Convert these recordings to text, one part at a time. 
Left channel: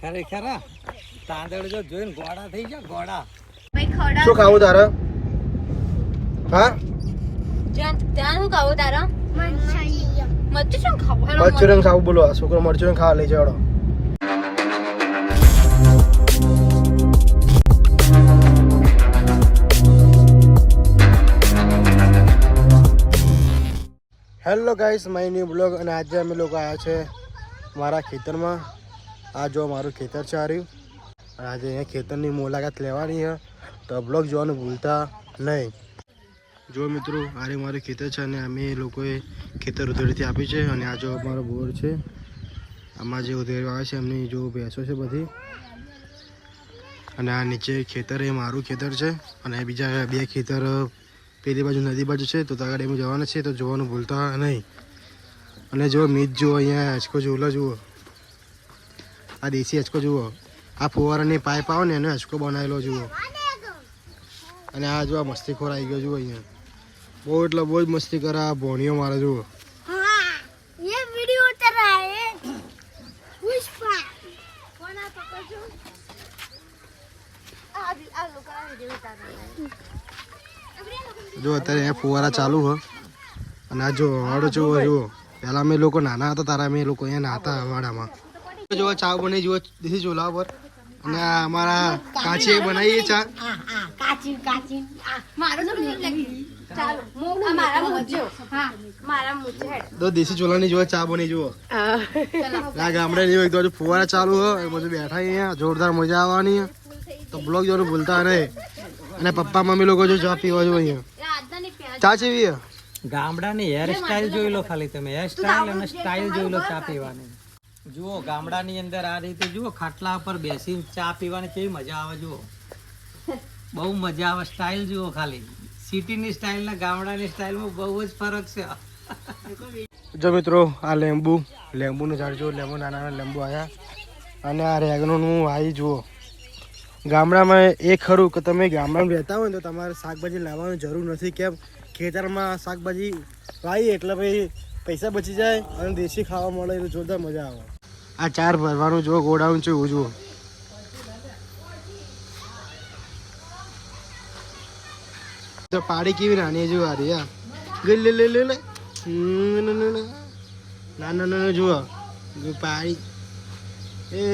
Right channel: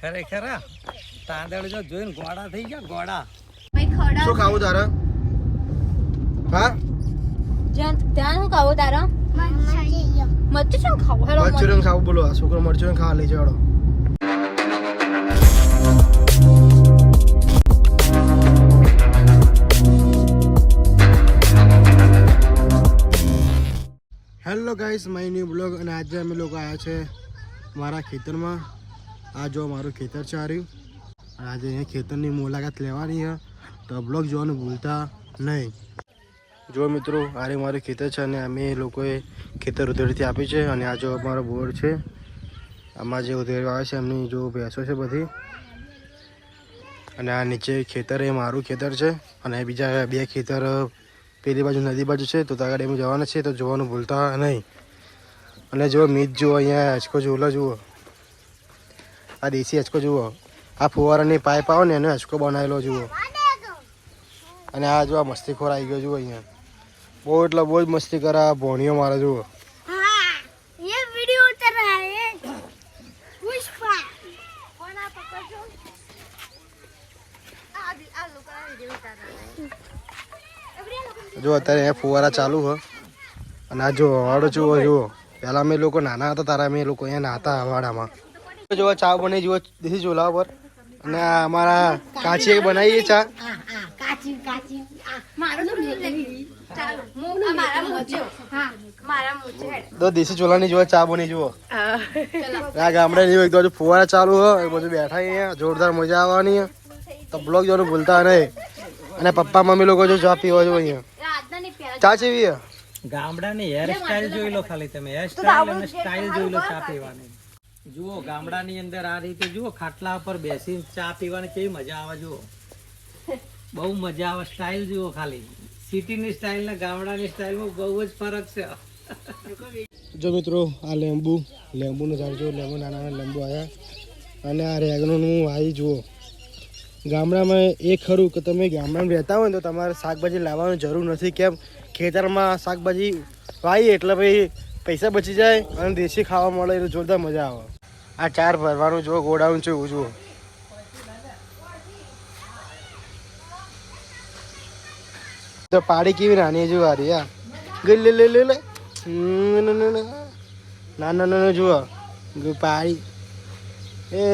ખરેખર તાંદળ જો જોઈને ગોડા થઈ ગયા ગોડા શું ખાવું તારે? હા? જ્યાં- ખાવું બોલો. આ છોકરો મરચુરંગ ખાવા લઈ જવાડો. Hello guys my new blog અને આજે અમે લોકો આવ્યા છે મારા ખેતરમાં. આ જો મારું ખેતર છે આ રહ્યું અને આજે અહીંયા ખેતરની મુલાકાત લેવાની છે. તો બ્લોગ જોવાનું ભૂલતા નહીં. જો મિત્રો આરે મારું ખેતર છે અને અમે લોકોએ ખેતર ઉધેડથી આપી છે અને આ જો અમારો બોર છે. આમાં જે ઉધેડ આવે છે, એમની જો ભેંસો છે બધી. અને આ નીચે ખેતર, એ મારું ખેતર છે. અને બીજા બે ખેતર પેલી બાજુ, નદી બાજુ છે. તો આગળ એમ જવાના છે તો જોવાનું ભૂલતા નહીં. અને જો મીત જુઓ, અહીંયા હેચકો ઝૂલો જુઓ. આ દેશી હચકો જુઓ. આ ફુવારાની પાઇપ આવે ને એનો હચકો બનાવેલો જુઓ. અને આ જો આ મસ્તીખોર આવી ગયો જુઓ અહીંયા. બહુ એટલે બહુ જ મસ્તી કરે આ ભોણીઓ મારે જુઓ. જો અત્યારે અહીંયા ફુવારા ચાલુ હ. અને આ જો હળ જુઓ જુઓ. પહેલાં અમે લોકો નાના હતા તારા અમે લોકો અહીંયા નાતા વાડામાં જો ચા બની જુઓ, દેશી ચૂલા પર અને અમારા કાચી બનાવીએ ચા. કાચી કાચી તો દેશી ચૂલાની જુઓ, ચા બની જુઓ. આ જેવું એક બાજુ ફુવારા ચાલુ હોય એક બાજુ બેઠા જોરદાર મજા આવવાની. તો બ્લોગ જોવાનું ભૂલતા નહીં. અને પપ્પા, મમ્મી લોકો જો ચા પીવા જો અહીંયા. ચા ચીવી ગામડાની હેર સ્ટાઈલ જોઈ લો ખાલી તમે. હેર સ્ટાઈલ અને સ્ટાઈલ જોઈ લો ચા પીવાની. જુઓ, ગામડાની અંદર આ રીતે જુઓ, ખાટલા પર બેસીને ચા પીવાની કેવી મજા આવે, જુઓ. બહુ મજા આવે સ્ટાઇલ જુઓ ખાલી. સિટીની સ્ટાઇલ ને ગામડાની સ્ટાઇલમાં બહુ જ ફરક છે. જો મિત્રો, આ લેંબુ, લેંબુનું ઝાડ, જુઓ, લેંબુ નાના નાના લેંબુ આવ્યા અને આ રેગનોનું વાઈ જુઓ. ગામડામાં એ ખરું કે તમે ગામડામાં રહેતા હોય તો તમારે શાકભાજી લાવવાની જરૂર નથી કેમ? ખેતરમાં શાકભાજી વાવીએ એટલે ભાઈ પૈસા બચી જાય અને દેશી ખાવા મળે એટલે જોરદાર મજા આવે. આ ચાર ભરવાનું જુઓ ગોડાઉન છે એવું જુઓ. તો પાડી કેવી નાની જુઓ આ હા. ગઈ લે લે લે લે. હમ, ના ના ના ના ના ના જુઓ. પાડી. એ.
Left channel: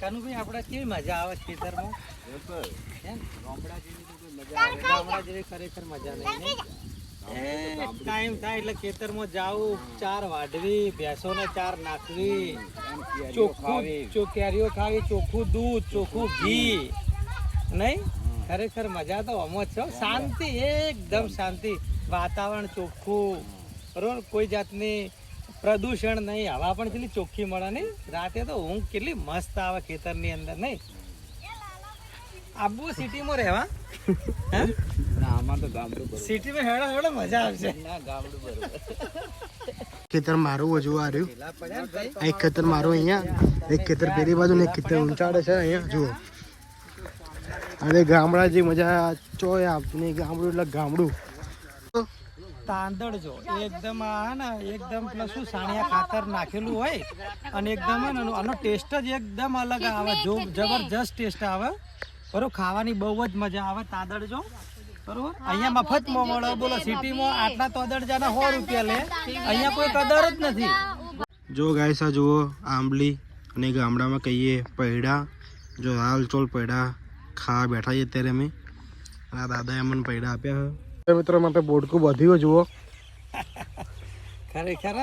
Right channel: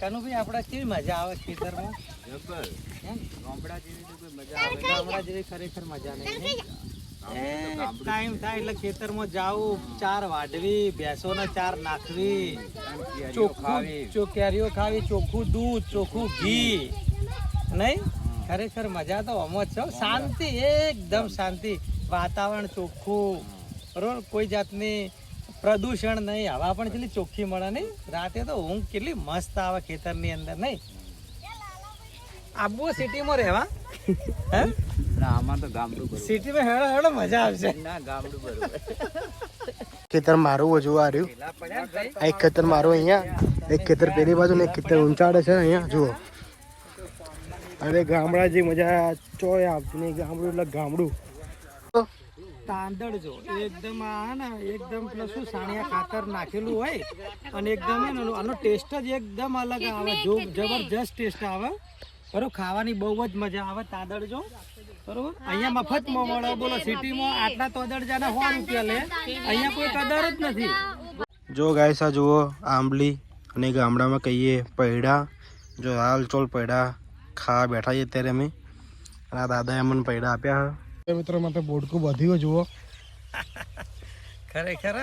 કાનુભાઈ આપણા કેવી મજા આવે ખેતરમાં? એમ? જેવી મજા આવે. ગામડા જેવી ખરેખર મજા નહીં એ ટાઈમ થાય એટલે ખેતરમાં જાવું ચાર વાઢવી ભેંસોને ચાર નાખવી. ચોખ્ખું ચોખ્યારીઓ ખાવી ચોખ્ખું દૂધ ચોખ્ખું ઘી. નહીં? ખરેખર મજા તો જ છે. શાંતિ એકદમ શાંતિ. વાતાવરણ ચોખ્ખું. બરોબર? કોઈ જાતની પ્રદૂષણ નહીં. હવા પણ કેટલી ચોખ્ખી મળે નહીં? રાતે તો ઊંઘ કેટલી મસ્ત આવે ખેતરની અંદર નહીં? આબુ સિટીમાં રહેવા? હે? સિટીમાં હેડો હેડો મજા આવશે. ખેતર મારું હજુ આ રહ્યું આ એક ખેતર મારું અહીંયા એક ખેતર પેલી બાજુ ને એક ખેતર ઊંચાડે છે અહીંયા જુઓ. અને ગામડા જે મજા ચોય આવતી નહીં ગામડું એટલે ગામડું. તાંદળ જો એકદમ આ ને એકદમ પેલા શું સાણિયા ખાતર નાખેલું હોય અને એકદમ આનો ટેસ્ટ જ એકદમ અલગ આવે જો જબરજસ્ત ટેસ્ટ આવે. બરોબર ખાવાની બહુ જ મજા આવે તાદડ જો બરોબર અહીંયા મફતમાં મળે બોલો સિટીમાં આટલા તાદડ જાને સો રૂપિયા લે. અહીંયા કોઈ કદર જ નથી. જો ગાય સા જુઓ આંબલી અને ગામડામાં કહીએ પૈડા. જો હાલ ચોલ પૈડા ખાવા બેઠા છીએ અત્યારે અમે. આ દાદાએ અમને પૈડા આપ્યા હવે મિત્રો માટે બોડકું બધ્યું જુઓ. ખરેખર.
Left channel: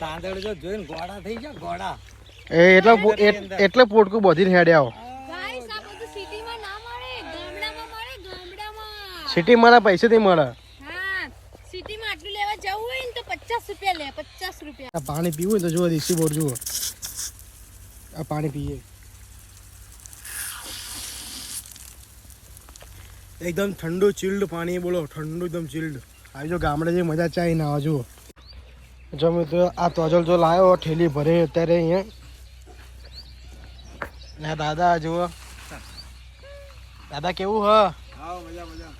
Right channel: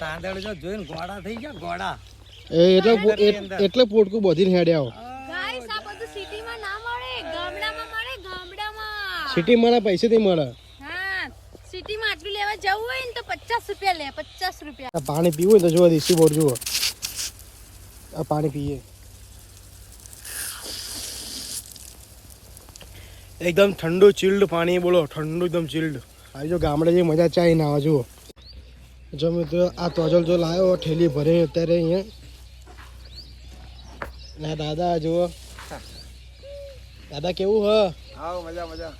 તાંદળ જો જોઈને ગોળા થઈ ગયા ગોળા. એ એટલે એટલે પોટકું બધીને હેડ્યા આવો ગાઈસ આ બધું સિટીમાં ના મળે ગામડામાં મળે ગામડામાં સિટીમાં પૈસેથી મળે. હા સિટીમાં આટલું લેવા જવું હોય ને તો પચાસ રૂપિયા લે પચાસ રૂપિયા. પાણી પીવું હોય તો જુઓ દેશી બોર જુઓ. આ પાણી પીએ. એકદમ ઠંડુ ચિલ્ડ પાણી બોલો ઠંડુ એકદમ ચિલ્ડ આવી જો ગામડે જે મજા ચાઈ ના જુઓ. જો મિત્રો આ તોજલ જો લાવ્યો ઠેલી ભરે અત્યારે અહીંયા. ને દાદા જુઓ. દાદા કેવું હ મજા મજા.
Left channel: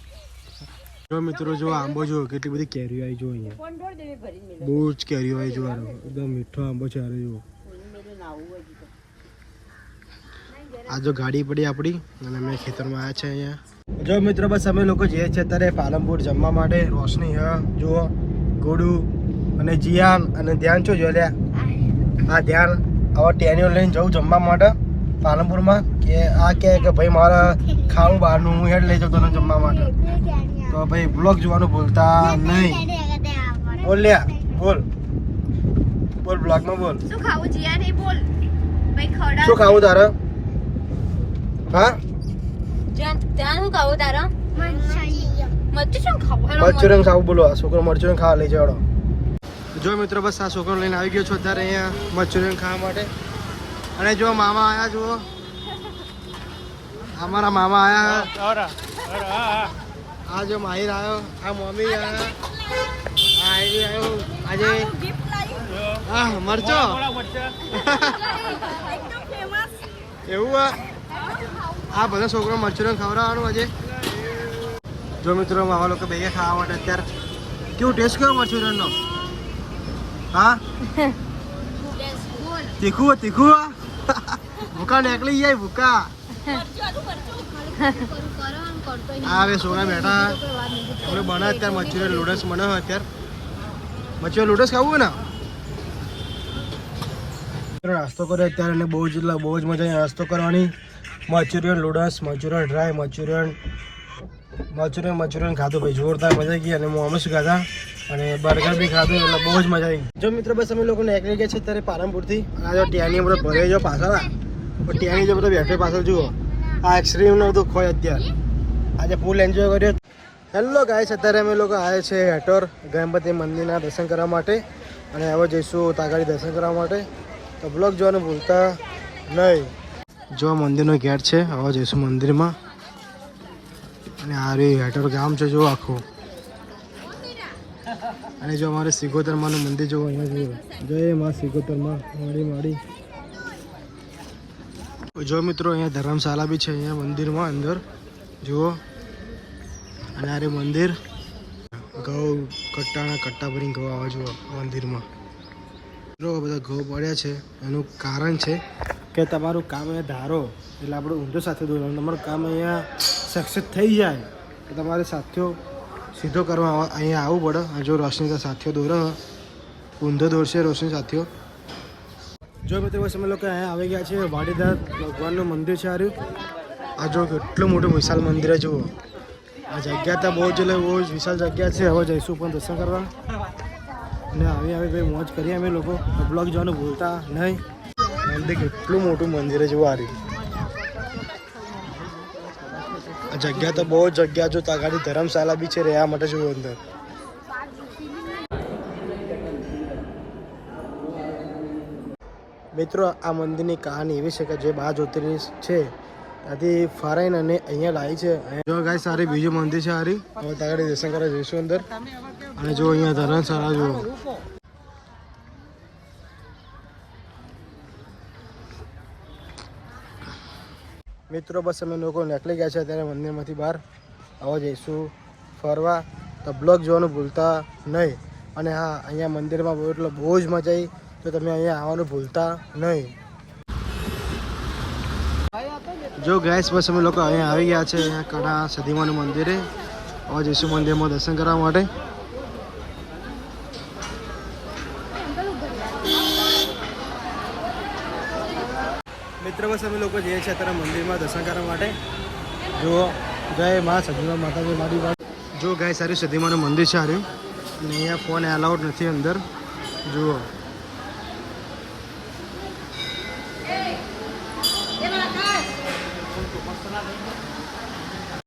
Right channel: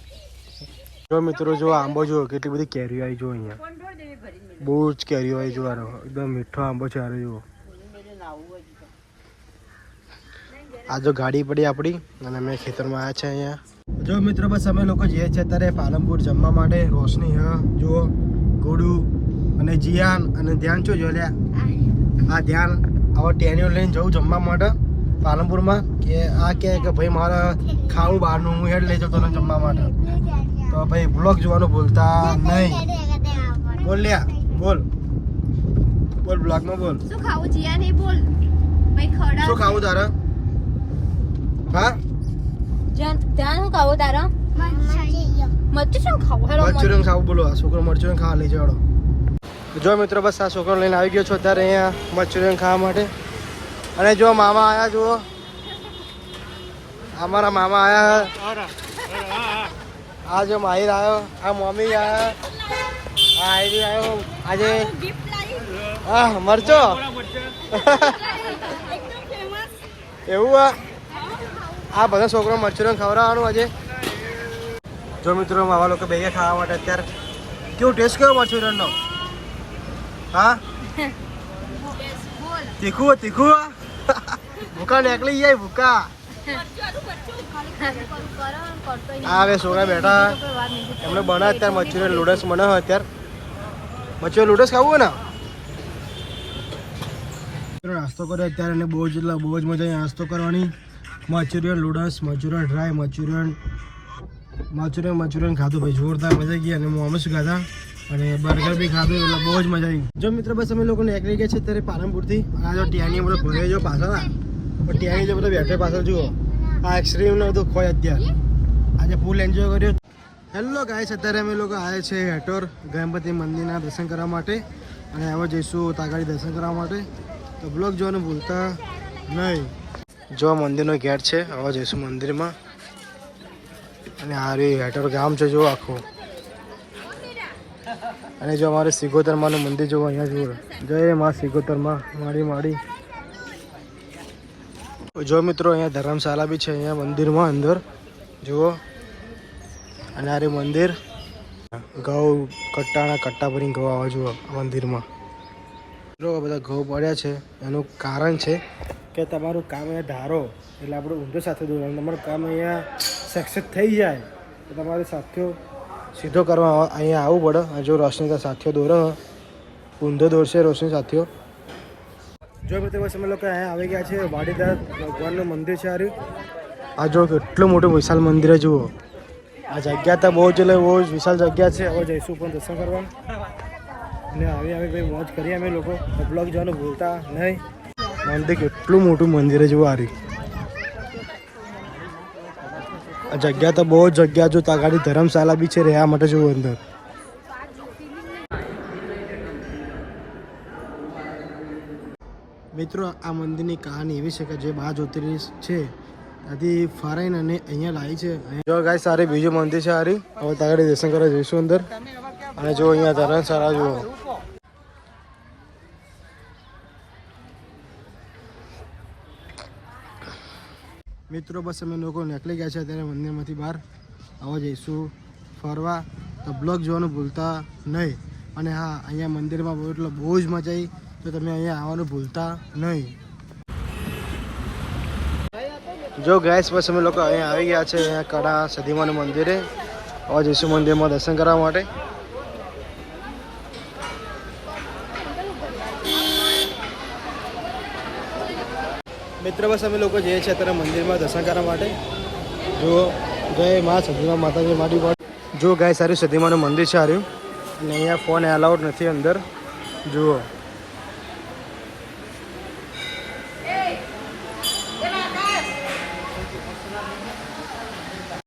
જો મિત્રો જો આંબો જો કેટલી બધી કેરીઓ આવી જો અહીંયા. બહુ જ કેરીઓ આવી જો એકદમ મીઠો આંબો છે આરે જુઓ. આ જો ગાડી પડી આપણી, અને અમે ખેતરમાં આવ્યા છે અહીંયા. જો મિત્રો બસ અમે લોકો જઈએ છીએ અત્યારે પાલનપુર જમવા માટે રોશની, હા, જુઓ, ગોડુ અને જીયાન અને ધ્યાન છો, જો આ ધ્યાન. હવે ટેન્યુ લઈને જવું જમવા માટે પાલનપુરમાં, કે આ કહે કે ભાઈ મારે ખાવું બહારનું, હું હેડ લઈ જતો જમવા માટે. તો ભાઈ બ્લોગ જોવાનું ભૂલતા નહીં. બોલ લ્યા બોલ. બોલ બ્લોગમાં બોલ. શું ખાવું જીયા નહીં બોલ. ભાઈ ખવડાવ. શું ખાવું તારે? હા? ત્યાં શું ખાવું તારા? મરચુરંગ ખાવું. બોલો. આ છોકરો મરચુરંગ ખાવા લઈ જાડો જો મિત્રો બસ આ છોકરો લઈને આવી ગયો છો અત્યારે અહીંયા મરચુરંગ ખાવા માટે. અને જો મામા આયા જુઓ. અમારા મામા આયા. આ જો માહિર આવ્યો આ મમ્મી આયા આ આયરી આવ્યો આજે હા મરચો. એવું આ? આ બધા છોકરો મરચુરંગ ખવડાવવાનું આજે. જો મિત્રો માવા લોકો બે ખાવા માટે અત્યારે. કેવું ટેસ્ટ કયો મરચુરંગનો હા? તીખું તીખું? ભૂકા નીકળી જાય ભૂકા. આ હવે છોકરા બેઠા એમને બના અત્યારે, મચ્છીને લૂડસ બને અત્યારે. મચ્છીઓ લૂડસ ખાવું હોય ને? નાસ્તો કર્યો અત્યારે એને બહુ જ બહુ જ મજા નાસ્તો કરવાની. મચુરિયન લૂડસ મચુરિયન ડ્રાય મચુરિયન મચુરિયન મચુરિયન ખાધું. ભાઈ, જોરદાર મજા આવી ગઈ અને મોમોસ ખાધા. અને બર્ગર બી ખાધું, એટલે બહુ જ મજા આવી જો મિત્ર, બસ અમે લોકો નીકળી ગયા છે અત્યારે પાલનપુરથી. આ જો ત્યાંની બધો ભરે જો પાછળ. ટેની જો બધો બેઠે પાછળ, જુઓ. આ આઈસ્ક્રીમ ને બધું ખોય અત્યારે. આજે ફૂલ એન્જોય કર્યો. હેલો ગાઈસ અત્યારે અમે લોકો આવ્યા છે હેટોર ગણપતિ મંદિરના દર્શન કરવા માટે અને હવે જઈશું તાગાડી દર્શન કરવા માટે. તો બ્લોગ જોવાનું ભૂલતા નહીં. જો મંદિરનો ગેટ છે, હવે જઈશું મંદિરમાં. અને આ રે હેટોર ગામ છે જો આખું. અને જો અમારે સિગોતરમાનું મંદિર જોવો અહીંયા જુઓ. જય મા સિગોતરમાં, મારી મારી જો મિત્રો, અહીંયા ધર્મશાળા બી છે અહીંયા મંદિરમાં અંદર. જુઓ. અને આ મંદિર. ઘઉં કટ્ટાના કટ્ટા ભરીને ઘઉં આવવા જુઓ મંદિરમાં. જો બધા ઘઉં પડ્યા છે. એનું કારણ છે કે તમારું કામ અહીંયા ધારો. એટલે આપણે ઊંધો સાથે દોરવાનું તમારું કામ અહીંયા સક્સેસ થઈ જાય. તો તમારે સાથીઓ સીધો કરવા અહીંયા આવવું પડે. અને જો રોશની તો સાથીઓ દોરો. ઊંધો દોરશે રોશની સાથીઓ. જો મિત્રો બસ અમે લોકો અહીંયા આવી ગયા છે. વાડીદાર ભગવાનનું મંદિર છે આર્યું આ જો કેટલું મોટું વિશાલ મંદિર જુઓ. આ જગ્યા તો બહુ જ એટલે બહુ જ વિશાલ જગ્યા છે. હવે જઈશું પણ દર્શન કરવા. અને આવી આવી ભાઈ મોજ કરીએ અમે લોકો. બ્લોગ જવાનું ભૂલતા નહીં. મંદિર કેટલું મોટું મંદિર જુઓ આર્યું આ જગ્યા તો બહુ જ જગ્યા જો તાગાડી ધર્મશાળા બી છે રહેવા માટે જવું અંદર. મિત્રો, આ મંદિરની કહાની એવી છે કે જે બાર જ્યોતિર્લિંગ છે. ત્યાંથી ફરાઈને અને અહીંયા લાવી છે. જો ગાય સારી બીજું મંદિર છે સારી હવે તાગાડી દર્શન કરવા જઈશું અંદર. અને જો અહીંયા ધર્મશાળા જુઓ. મિત્રો, બસ અમે લોકો નીકળી ગયા છે અત્યારે મંદિરમાંથી બહાર. આવા જઈશું ફરવા. તો બ્લોગ જોવાનું ભૂલતા નહીં. અને હા, અહીંયા મંદિરમાં બહુ એટલે બહુ જ મજા આવી તો તમે અહીંયા આવવાનું ભૂલતા નહીં. જો ગેસ બસ અમે લોકો અહીંયા આવી ગયા છે, અહીંયા કડા સદીમાનું મંદિરે. હવે જઈશું મંદિરમાં દર્શન કરવા માટે. મિત્ર, બસ અમે લોકો જઈએ છીએ અત્યારે મંદિરમાં દર્શન કરવા માટે. જુઓ, જય મા સદીમા માતાજી મારી વાત જો ગાય સારી સદીમાનું મંદિર છે હાર્યું અને અહીંયા ફોન એલાઉડ નથી અંદર. જુઓ.